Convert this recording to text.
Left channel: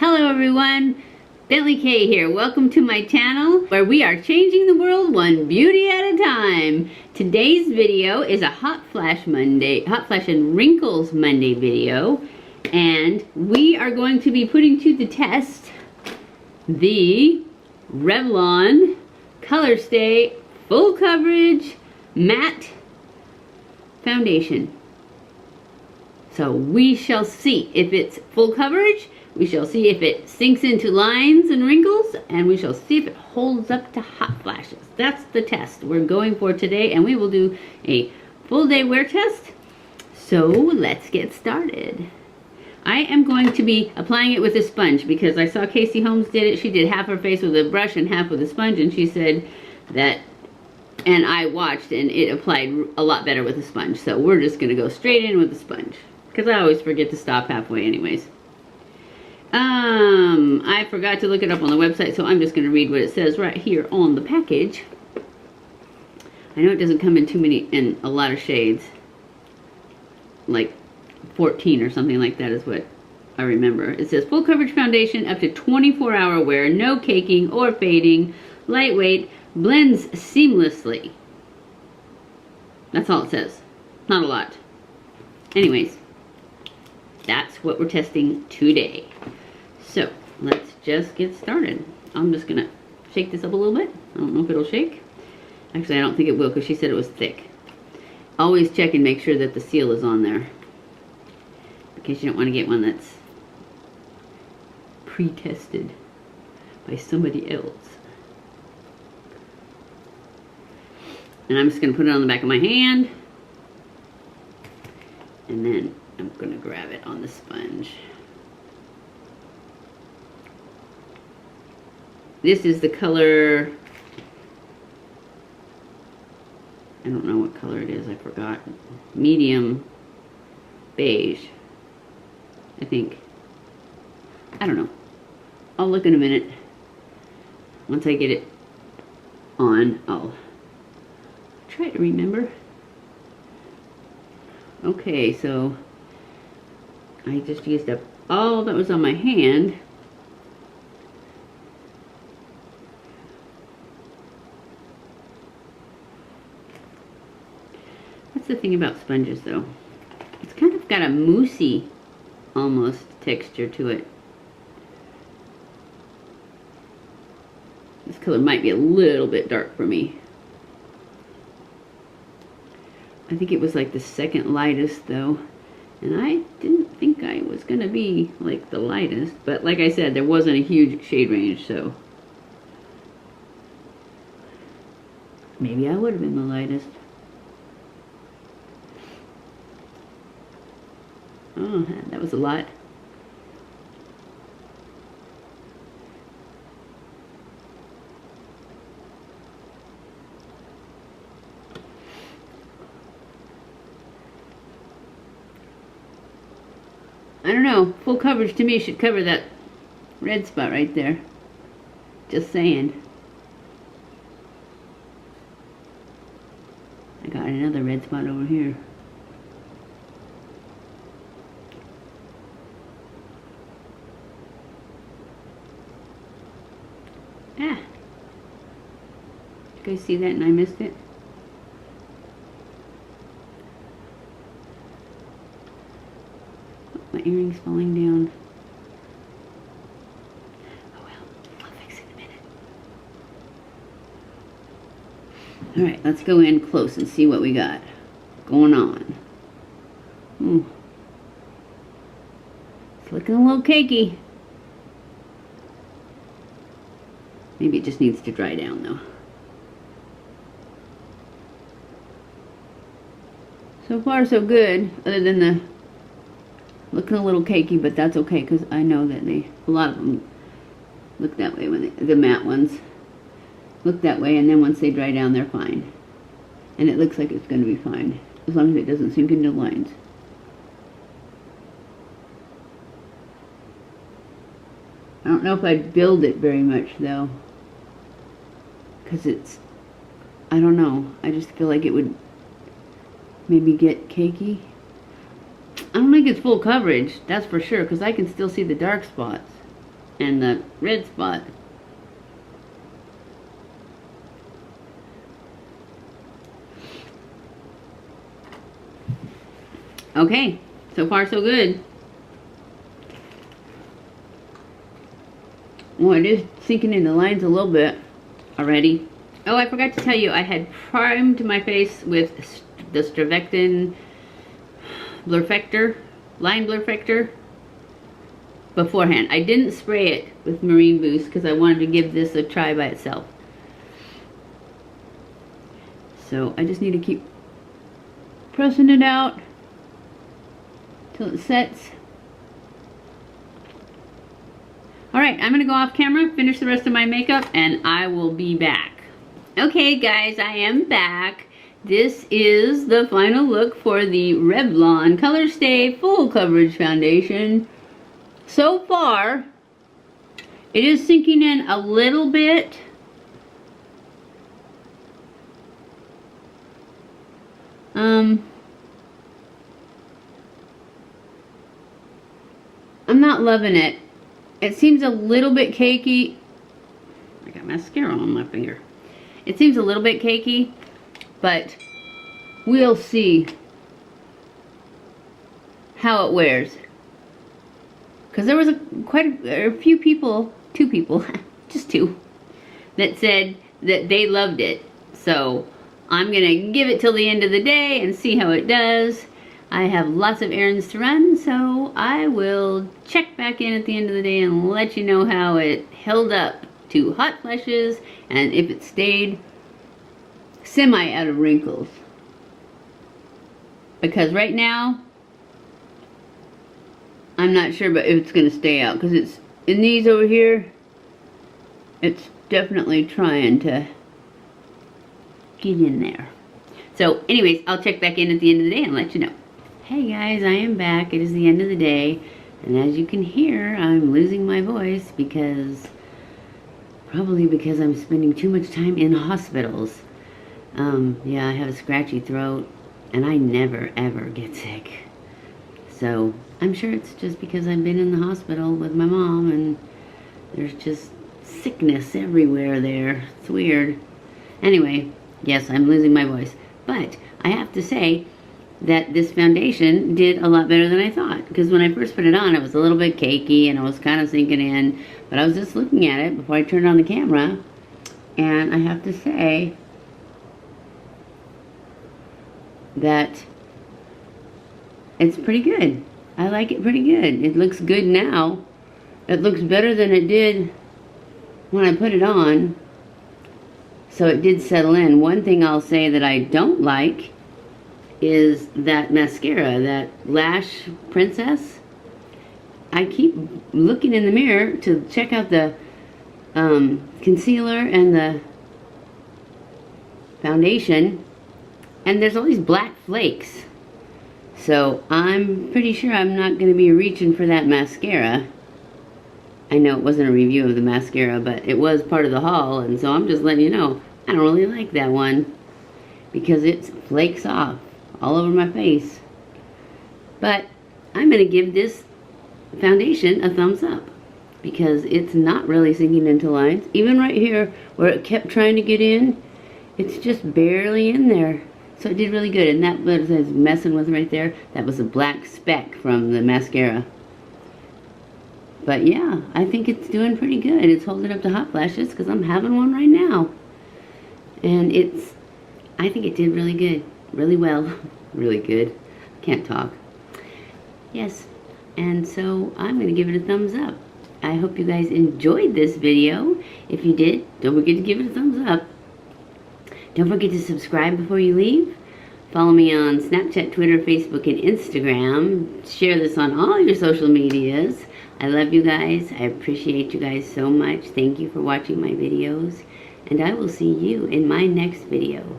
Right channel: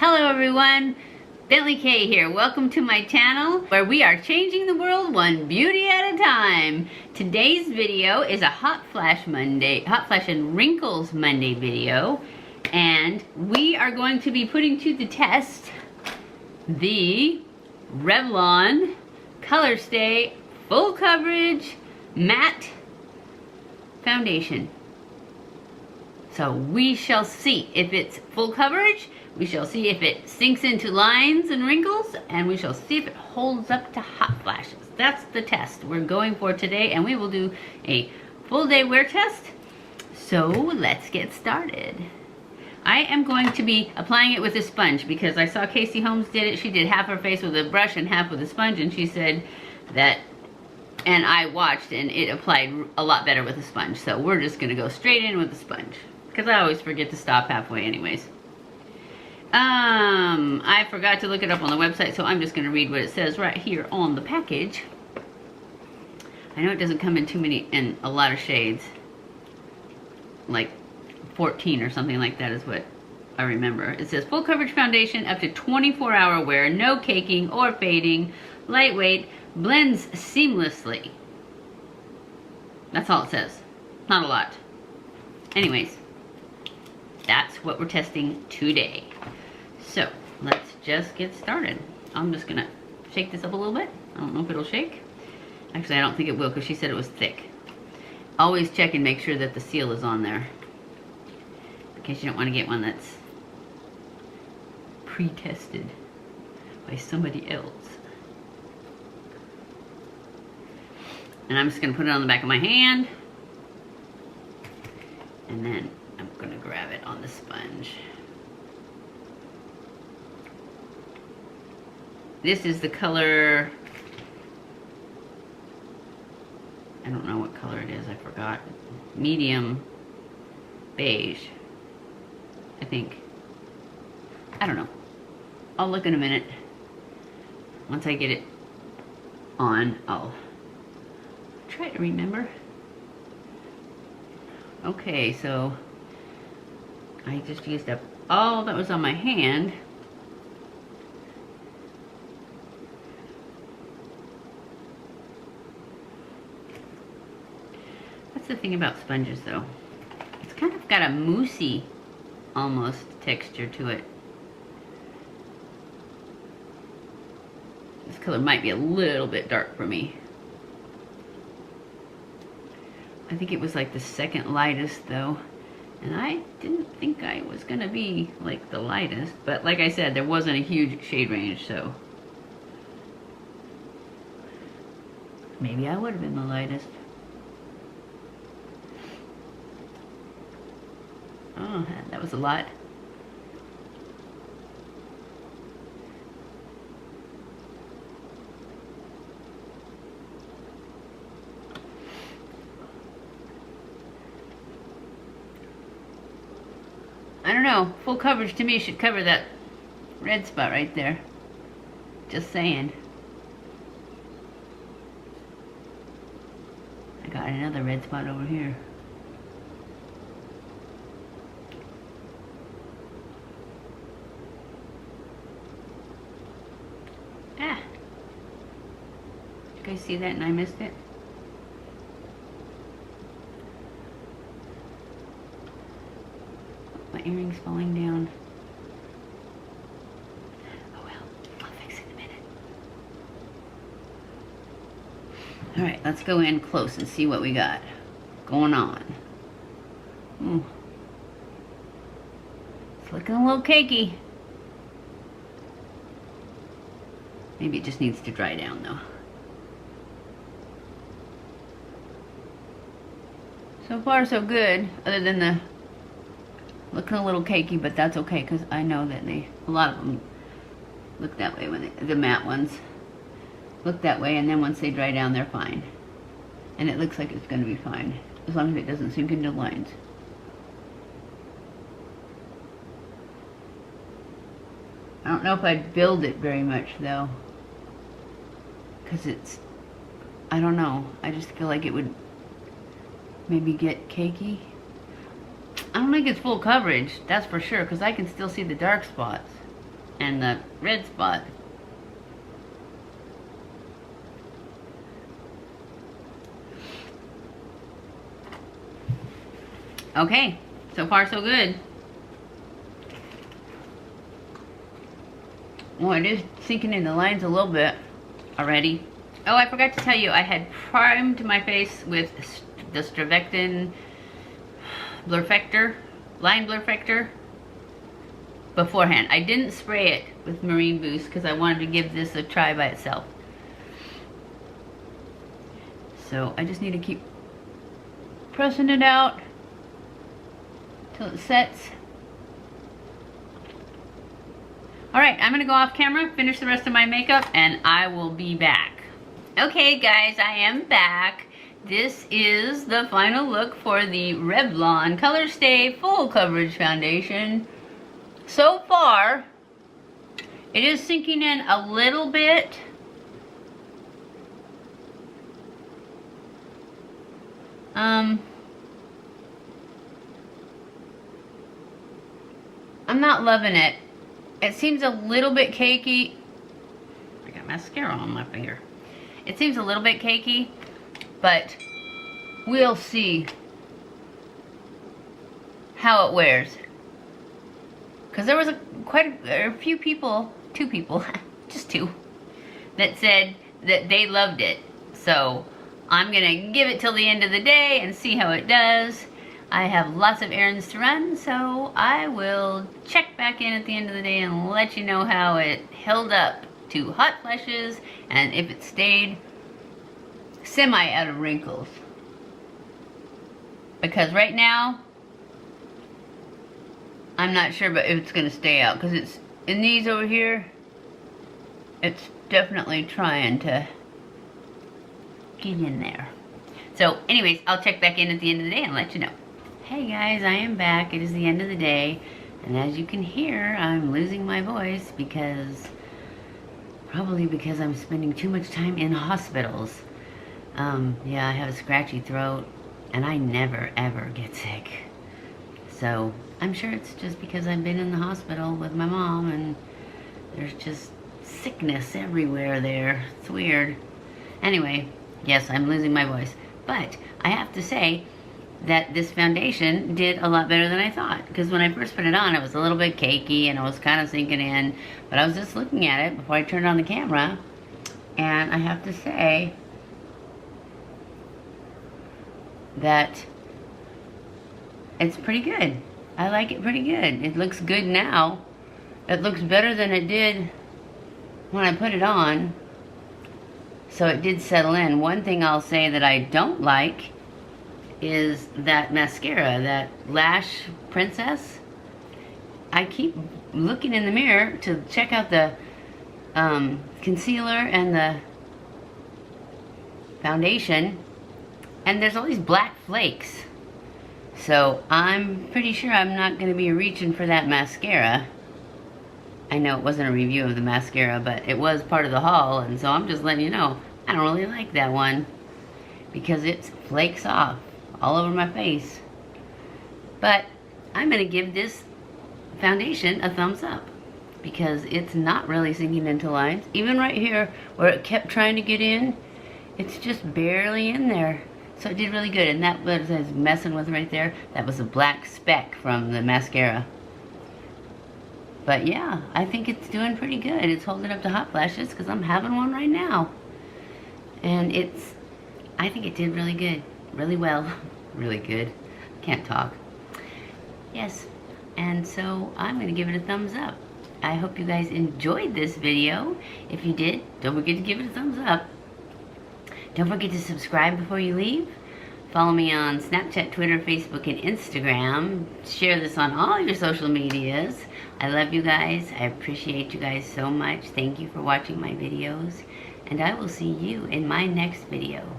Hello everyone, BentlyK here. Welcome to my channel where we are changing the world one beauty at a time. Today's video is a Hot Flash and Wrinkles Monday video, and we are going to be putting to the test the REVLON Colorstay Full Coverage Matte Foundation. So we shall see if it's full coverage, we shall see if it sinks into lines and wrinkles, and we shall see if it holds up to hot flashes. That's the test we're going for today, and we will do a full day wear test. So let's get started. I am going to be applying it with a sponge because I saw Casey Holmes did it. She did half her face with a brush and half with a sponge, and she said that, and I watched, and it applied a lot better with a sponge. So we're just gonna go straight in with a sponge, because I always forget to stop halfway anyways. I forgot to look it up on the website, so I'm just going to read what it says right here on the package. I know it doesn't come in a lot of shades. Like 14 or something like that is what I remember. It says full coverage foundation up to 24-hour wear, no caking or fading, lightweight, blends seamlessly. That's all it says. Not a lot. Anyways, that's what we're testing today. So let's just get started. I'm just gonna shake this up a little bit. I don't know if it'll shake. Actually, I don't think it will because she said it was thick. Always check and make sure that the seal is on there, in case you don't want to get one that's pre-tested by somebody else. And I'm just gonna put it on the back of my hand, and then I'm gonna grab it on the sponge. This is the color, I don't know what color it is, I forgot. Medium beige, I think. I don't know. I'll look in a minute. Once I get it on, I'll try to remember. Okay, so I just used up all that was on my hand. That's the thing about sponges though. It's kind of got a moussey almost texture to it. This color might be a little bit dark for me. I think it was like the second lightest though. And I didn't think I was gonna be like the lightest, but like I said, there wasn't a huge shade range, so maybe I would have been the lightest. Oh, that was a lot. I don't know, full coverage to me should cover that red spot right there. Just saying. I got another red spot over here. Ah! Did you guys see that and I missed it? My earring's falling down. Oh well, I'll fix it in a minute. Alright, let's go in close and see what we got going on. Ooh. It's looking a little cakey. Maybe it just needs to dry down though. So far so good, other than the looking a little cakey, but that's okay because I know that a lot of them look that way when the matte ones look that way, and then once they dry down they're fine. And it looks like it's going to be fine as long as it doesn't sink into lines. I don't know if I'd build it very much though, because it's, I don't know, I just feel like it would maybe get cakey. I don't think it's full coverage, that's for sure, because I can still see the dark spots. and the red spot. Okay, so far so good. Well, it is sinking in the lines a little bit already. Oh, I forgot to tell you, I had primed my face with the StriVectin line blurfector beforehand. I didn't spray it with Marine Boost because I wanted to give this a try by itself. So I just need to keep pressing it out till it sets. Alright, I'm going to go off camera, finish the rest of my makeup, and I will be back. Okay guys, I am back. This is the final look for the Revlon Colorstay Full Coverage Foundation. So far, it is sinking in a little bit. I'm not loving it. It seems a little bit cakey. I got mascara on my finger. It seems a little bit cakey, but we'll see how it wears. Because there was quite a few people, 2 people, just 2, that said that they loved it. So I'm gonna give it till the end of the day and see how it does. I have lots of errands to run, so I will check back in at the end of the day and let you know how it held up to hot flashes and if it stayed semi out of wrinkles. Because right now, I'm not sure but if it's going to stay out, because it's in these over here, it's definitely trying to get in there. So anyways, I'll check back in at the end of the day and let you know. Hey guys, I am back. It is the end of the day, and as you can hear, I'm losing my voice probably because I'm spending too much time in hospitals. Yeah, I have a scratchy throat, and I never ever get sick. So I'm sure it's just because I've been in the hospital with my mom, and there's just sickness everywhere there. It's weird. Anyway, yes, I'm losing my voice, but I have to say that this foundation did a lot better than I thought, because when I first put it on, it was a little bit cakey and it was kind of sinking in, but I was just looking at it before I turned on the camera, and I have to say that it's pretty good. I like it pretty good. It looks good now. It looks better than it did when I put it on, so it did settle in. One thing I'll say that I don't like is that mascara, that Lash Princess. I keep looking in the mirror to check out the concealer and the foundation, and there's all these black flakes. So I'm pretty sure I'm not going to be reaching for that mascara. I know it wasn't a review of the mascara, but it was part of the haul, and so I'm just letting you know, I don't really like that one because it flakes off all over my face. But I'm going to give this foundation a thumbs up because it's not really sinking into lines. Even right here where it kept trying to get in, it's just barely in there. So it did really good. And that was I was messing with right there. That was a black speck from the mascara. But yeah, I think it's doing pretty good. It's holding up to hot flashes because I'm having one right now. And I think it did really good. Really well. Really good. Can't talk. Yes. And so I'm going to give it a thumbs up. I hope you guys enjoyed this video. If you did, don't forget to give it a thumbs up. Don't forget to subscribe before you leave. Follow me on Snapchat, Twitter, Facebook, and Instagram. Share this on all your social medias. I love you guys. I appreciate you guys so much. Thank you for watching my videos. And I will see you in my next video.